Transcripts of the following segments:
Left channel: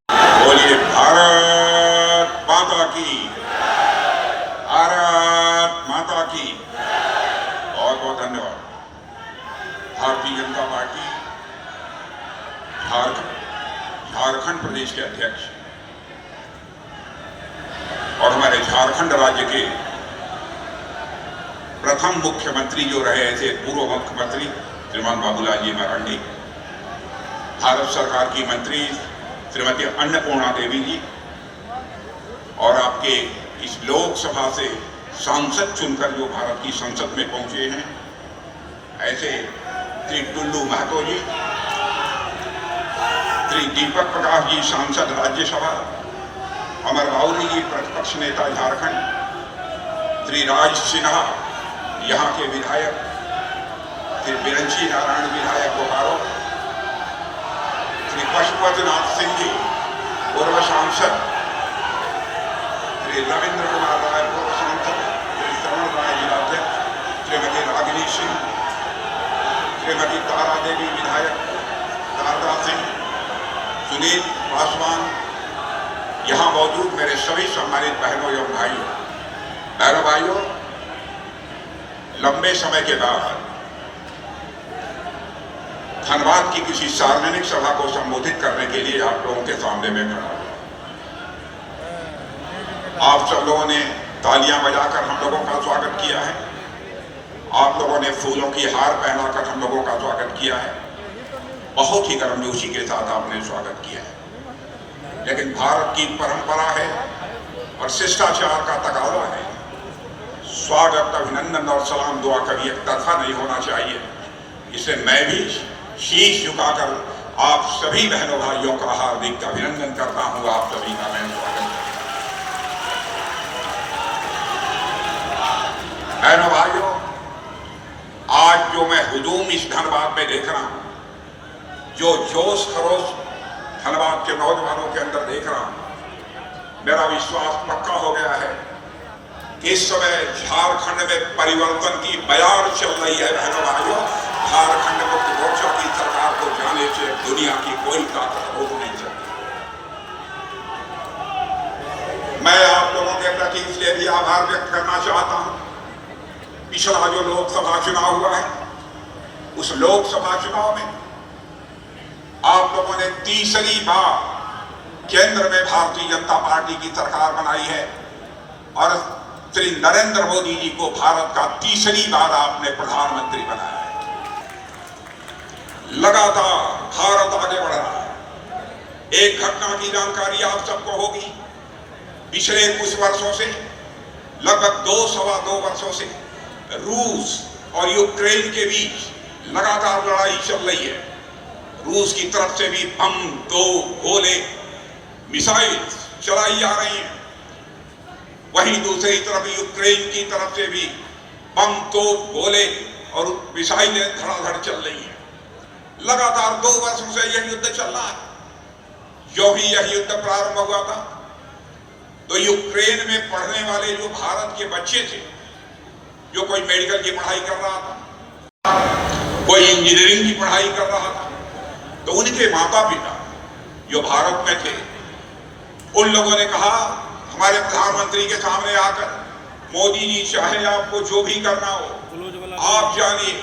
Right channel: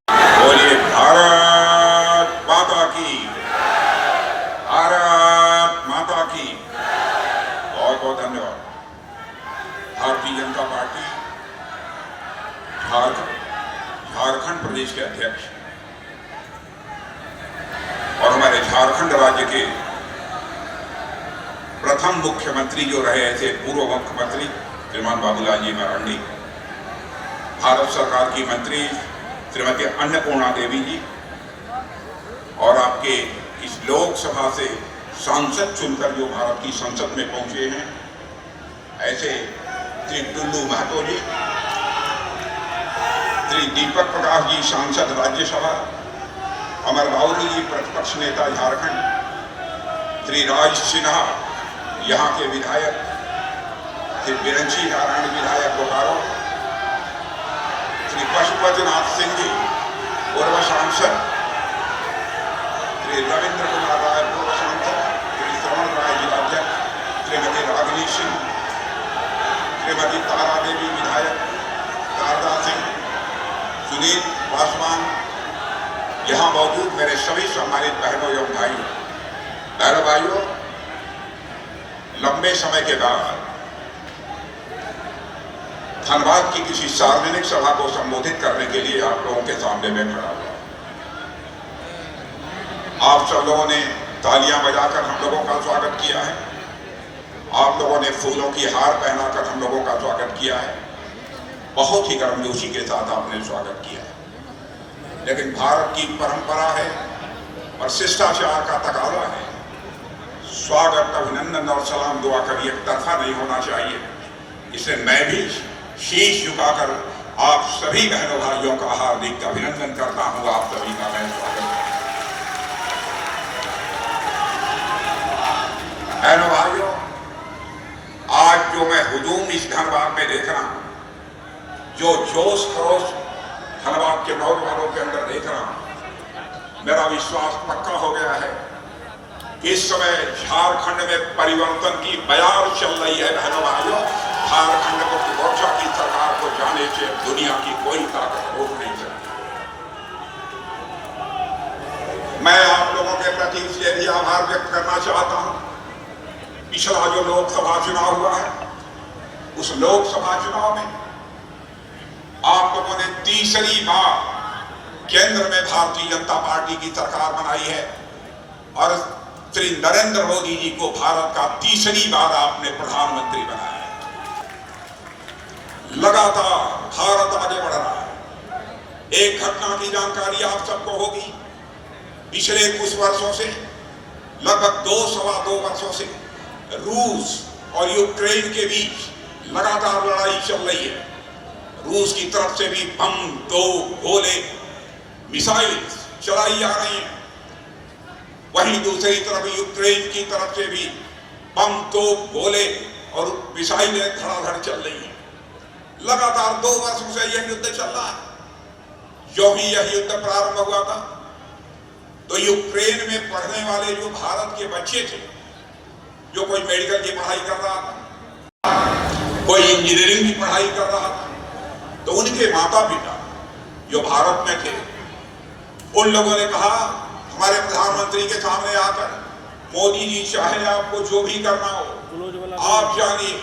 बोलिए भारत माता की, भारत माता की। बहुत बहुत धन्यवाद। भारतीय जनता पार्टी झारखंड प्रदेश के अध्यक्ष और हमारे झारखंड राज्य के प्रथम मुख्यमंत्री जो रहे ऐसे पूर्व मुख्यमंत्री श्रीमान बाबूलाल जी मरांडी, भारत सरकार की मंत्री श्रीमती अन्नपूर्णा देवी जी, और आपके इस लोकसभा से सांसद चुनकर जो भारत की संसद में पहुंचे हैं ऐसे श्री टुल्लू महतो जी, श्री दीपक प्रकाश जी सांसद राज्यसभा, अमर राउरी जी प्रतिपक्ष नेता झारखंड, श्री राज सिन्हा यहाँ के विधायक, श्री बिरंची नारायण विधायक बोकारो, श्री पशुपतिनाथ सिंह जी पूर्व सांसद, श्री रविंद्र कुमार राय पूर्व सांसद, श्री श्रवण राय जिलाध्यक्ष, श्रीमती रागिनी सिंह, श्रीमती तारा देवी विधायक, शारदा सिंह, सुनील पासवान, यहाँ मौजूद मेरे सभी सम्मानित बहनों एवं भाइयों, लंबे समय के बाद धनबाद की किसी सार्वजनिक सभा को संबोधित करने के लिए आप लोगों के सामने में खड़ा हूं। आप सब लोगों ने तालियां बजाकर हम लोगों का स्वागत किया है, आप लोगों ने फूलों की हार पहनाकर हम लोगों का स्वागत किया है, बहुत ही गर्मजोशी के साथ आपने स्वागत किया है। लेकिन भारत की परंपरा है और शिष्टाचार का तकाजा है, स्वागत, अभिनंदन और सलाम दुआ कभी एक तरफा नहीं होना चाहिए। इसलिए मैं भी शीश झुकाकर आप सभी बहनों भाइयों का हार्दिक अभिनंदन करता हूं। आप सभी का मैं स्वागत करता हूं। बहनों भाइयों, आज जो मैं हुजूम इस धनबाद में देख रहा हूं, जो जोश खरोश धनबाद के नौजवानों के अंदर देख रहा हूं, मेरा विश्वास पक्का हो गया है कि इस समय झारखंड में परिवर्तन की बयार चल रही है। बहनों भाइयों, झारखंड मुक्त मोर्चा की सरकार को जाने से दुनिया की कोई ताकत रोक नहीं सकती। मैं आप लोगों के प्रति इसलिए भी आभार व्यक्त करना चाहता हूं, पिछला जो लोकसभा चुनाव हुआ है, उस लोकसभा चुनाव में आप लोगों ने तीसरी बार केंद्र में भारतीय जनता पार्टी की सरकार बनाई है और श्री नरेंद्र मोदी जी को भारत का तीसरी बार आपने प्रधानमंत्री बनाया है। लगातार भारत आगे बढ़ रहा है। एक घटना की जानकारी आप सबको होगी, पिछले कुछ वर्षों से, लगभग 2-2.25 वर्षों से रूस और यूक्रेन के बीच लगातार लड़ाई चल रही है। रूस की तरफ से भी बम, दो गोले, मिसाइल चलाई जा रही हैं, वहीं दूसरी तरफ यूक्रेन की तरफ से भी बम, दो गोले और मिसाइलें धड़ाधड़ चल रही हैं। लगातार 2 वर्षों से यह युद्ध चल रहा है। जो भी यह युद्ध प्रारंभ हुआ था तो यूक्रेन में पढ़ने वाले जो भारत के बच्चे थे, जो कोई मेडिकल की पढ़ाई कर रहा था, कोई इंजीनियरिंग की पढ़ाई कर रहा था, तो उनके माता पिता जो भारत में थे, उन लोगों ने कहा हमारे प्रधानमंत्री के सामने आकर, मोदी जी चाहे आपको जो भी करना हो आप जानिए,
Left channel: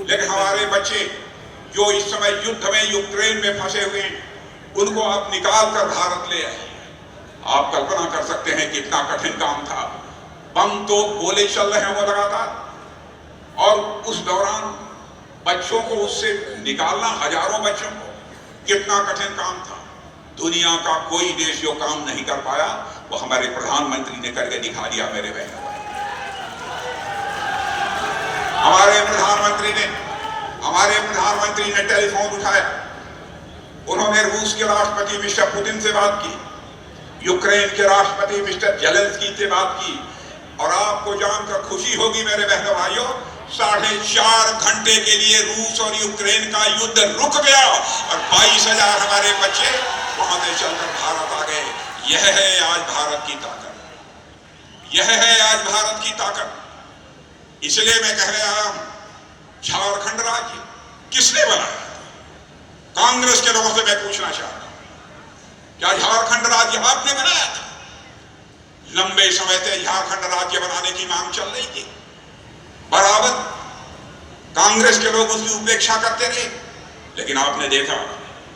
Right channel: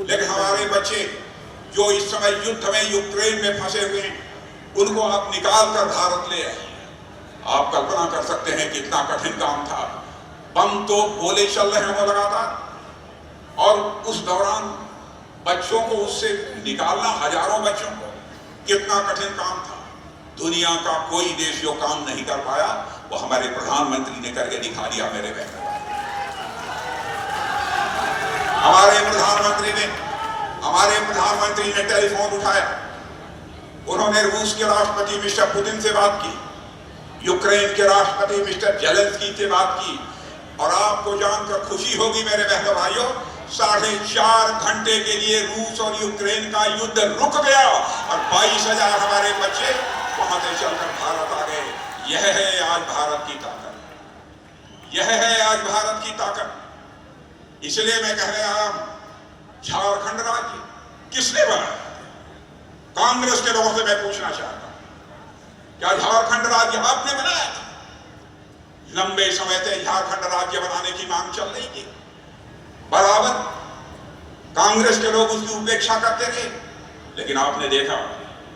लेकिन हमारे बच्चे जो इस समय युद्ध में यूक्रेन में फंसे हुए हैं उनको आप निकाल कर भारत ले आए। आप कल्पना कर सकते हैं कितना कठिन काम था। बम तो गोले चल रहे हैं वो लगातार, और उस दौरान बच्चों को उससे निकालना, हजारों बच्चों को, कितना कठिन काम था। दुनिया का कोई देश जो काम नहीं कर पाया वो हमारे प्रधानमंत्री ने करके दिखा दिया। मेरे बहनों, हमारे प्रधानमंत्री ने टेलीफोन उठाया, उन्होंने रूस के राष्ट्रपति मिस्टर पुतिन से बात की, यूक्रेन के राष्ट्रपति मिस्टर जेलेंस्की से बात की, और आपको जानकर खुशी होगी मेरे बहनों भाइयों, 4.5 घंटे के लिए रूस और यूक्रेन का युद्ध रुक गया और 22,000 हमारे बच्चे वहां से चलकर भारत आ गए। यह है आज भारत की ताकत, यह है आज भारत की ताकत। इसलिए मैं कह रहा हूं, झारखंड राज्य किसने बनाया? कांग्रेस के लोगों से मैं पूछना चाहता हूं, क्या झारखंड राज्य आपने बनाया था? लंबे समय से झारखंड राज्य बनाने की मांग चल रही थी, बराबर कांग्रेस के लोग उसकी उपेक्षा करते रहे, लेकिन आपने देखा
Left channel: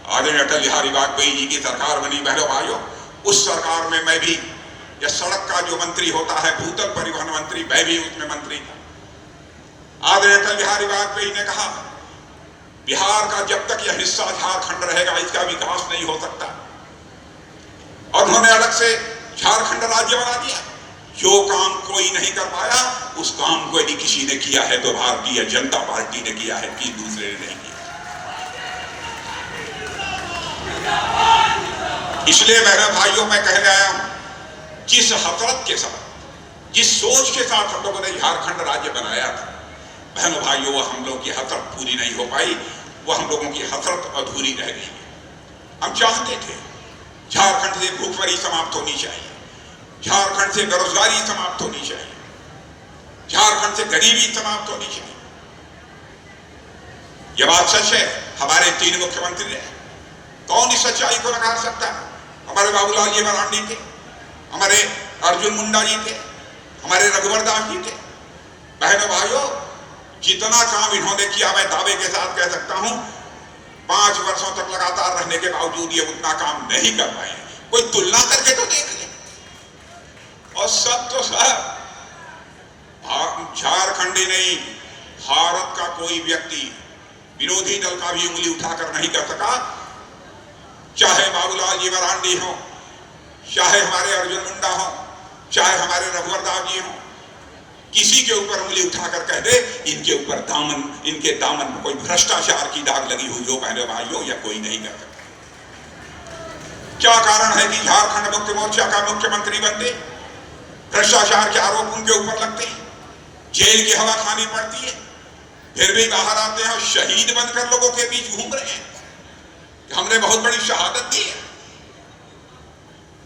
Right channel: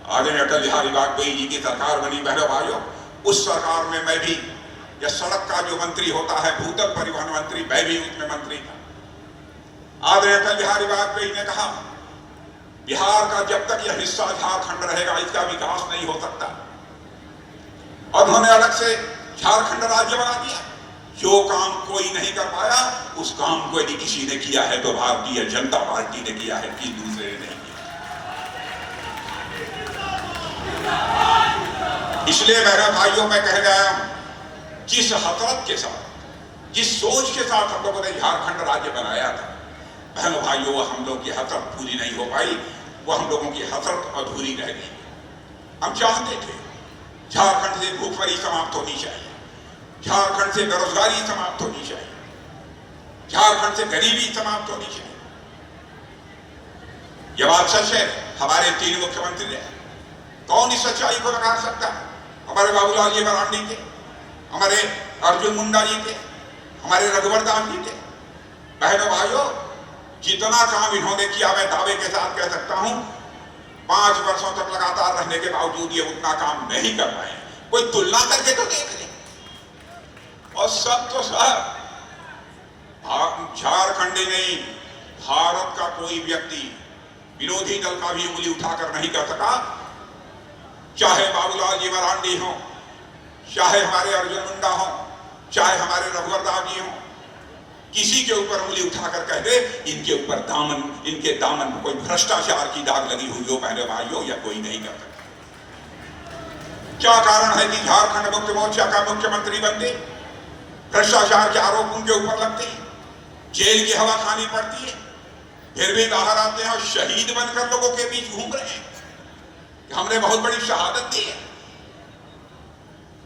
आदरणीय अटल बिहारी वाजपेयी जी की सरकार बनी। बहनों भाइयों, उस सरकार में मैं भी, यह सड़क का जो मंत्री होता है, भूतल परिवहन मंत्री, मैं भी उसमें मंत्री था। आदरणीय अटल बिहारी वाजपेयी ने कहा बिहार का जब तक यह हिस्सा झारखंड रहेगा इसका विकास नहीं हो सकता, और उन्होंने अलग से झारखंड राज्य बना दिया। जो काम कोई नहीं कर पाया उस काम को यदि किसी ने किया है तो भारतीय जनता पार्टी ने किया है, कि दूसरे ने नहीं किया। इसलिए मेरे भाइयों, मैं कह रहा हूं, जिस हसरत के साथ, जिस सोच के साथ हम लोगों ने झारखंड राज्य बनाया था, बहनों भाइयों, वो हम लोग की हसरत पूरी नहीं हो पाई, वो हम लोगों की हसरत अधूरी रह गई। हम चाहते थे झारखंड से भूखमरी समाप्त होनी चाहिए, झारखंड से बेरोजगारी समाप्त होनी चाहिए, झारखंड से गरीबी समाप्त होनी चाहिए। यह बात सच है। हमारे 3 मुख्यमंत्री हैं, कौन इस सच्चाई को नकार सकता? हमारे बाबूलाल जी मरांडी थे, हमारे अर्जुन मुंडा जी थे, हमारे रघुवर दास जी थे। बहनों भाइयों, जितना काम इन्होंने किया, मैं दावे के साथ कह सकता हूं 5 वर्षों तक लगातार रहने के बावजूद ये उतना काम नहीं कर पाए। कोई तुलना करके तो देख ले। और सब तो सब झारखंडी नहीं, भारत का कोई व्यक्ति विरोधी दल का भी उंगली उठाकर नहीं कर सका, चाहे बाबूलाल जी मरांडी हो, चाहे हमारे अर्जुन मुंडा हो, चाहे हमारे रघुवर दास जी हो, किसी के ऊपर उंगली उठाकर कह दे इनके ऊपर दामन, इनके दामन में कोई भ्रष्टाचार की दाग लगी हुई हो, बहनों भाइयों, या कोई नहीं कर सकता। क्या कारण है कि झारखंड मुक्ति मोर्चा का मुख्यमंत्री बनते भ्रष्टाचार के आरोप उनके ऊपर लगते हैं, जेल की हवा खानी पड़ती है, फिर भी बाहर आते हैं और शहीद बनकर लोगों के बीच घूम रहे हैं। हमने बहुत बड़ी शहादत दी है।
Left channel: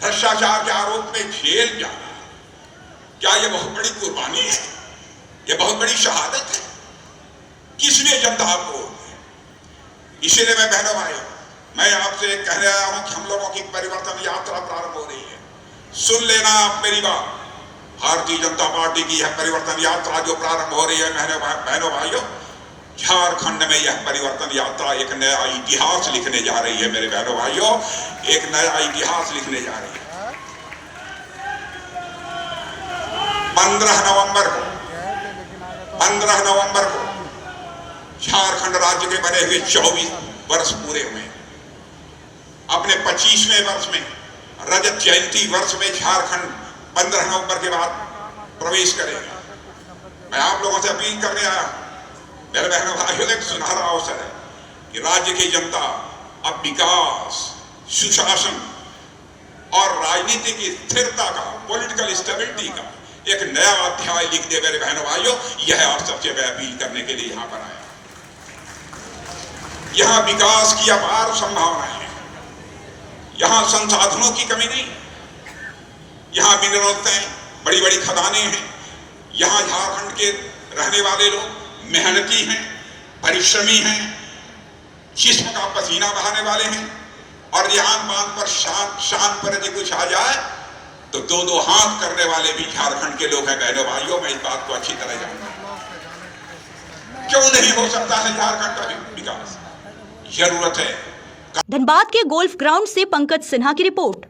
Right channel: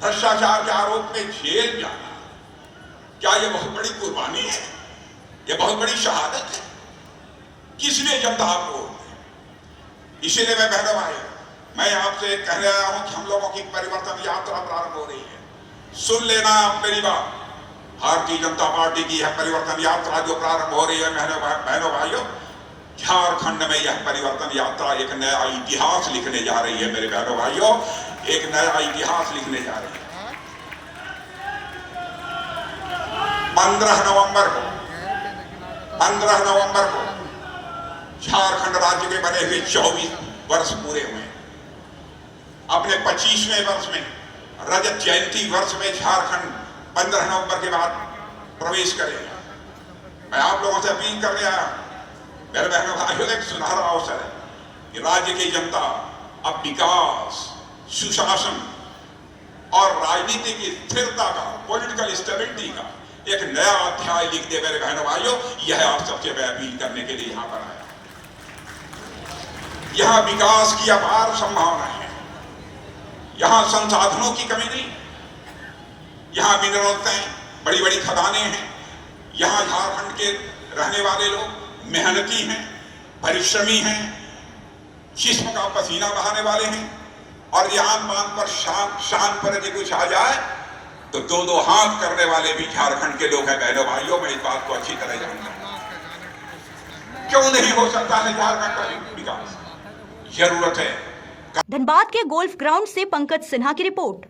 भ्रष्टाचार के आरोप में जेल जाना, क्या यह बहुत बड़ी कुर्बानी है? यह बहुत बड़ी शहादत है? किसने जनता को? इसीलिए मैं बहनों भाइयों, मैं आपसे कह रहा हूं कि हम लोगों की परिवर्तन यात्रा प्रारंभ हो रही है। सुन लेना आप मेरी बात, भारतीय जनता पार्टी की यह परिवर्तन यात्रा जो प्रारंभ हो रही है, बहनों भाइयों, झारखंड में यह परिवर्तन यात्रा एक नया इतिहास लिखने जा रही है। मेरे बहनों भाइयों, एक नया इतिहास लिखने जा रही है। 15 नवंबर को झारखंड राज्य के बने हुए 24 वर्ष पूरे हुए। अपने 25वें वर्ष में, रजत जयंती वर्ष में झारखंड 15 नवंबर के बाद प्रवेश करेगा। मैं आप लोगों से अपील करने आया, मेरे बहनों भाइयों, एक सुनहरा अवसर है कि राज्य की जनता अब विकास, सुशासन और राजनीतिक स्थिरता का, पॉलिटिकल स्टेबिलिटी का एक नया अध्याय लिख दे। मेरे बहनों भाइयों, यह आप सबसे मैं अपील करने के लिए यहां पर आया। यहां विकास की अपार संभावनाएं हैं, यहां संसाधनों की कमी नहीं, यहां मिनरल्स हैं, बड़ी बड़ी खदानें हैं, यहां झारखंड के रहने वाले लोग मेहनती हैं, परिश्रमी हैं, जिस्म का पसीना बहाने वाले हैं, और यहाँ बांध पर शान पर यदि कुछ आ जाए तो दो दो हाथ करने वाले भी झारखंड के लोग हैं। बहनों भाइयों, मैं इस बात को अच्छी तरह जानता हूं। क्यों नहीं हो सकता है झारखंड का विकास? जरूरत है। धनबाद के गोल्फ ग्राउंड से पंकज सिन्हा की रिपोर्ट।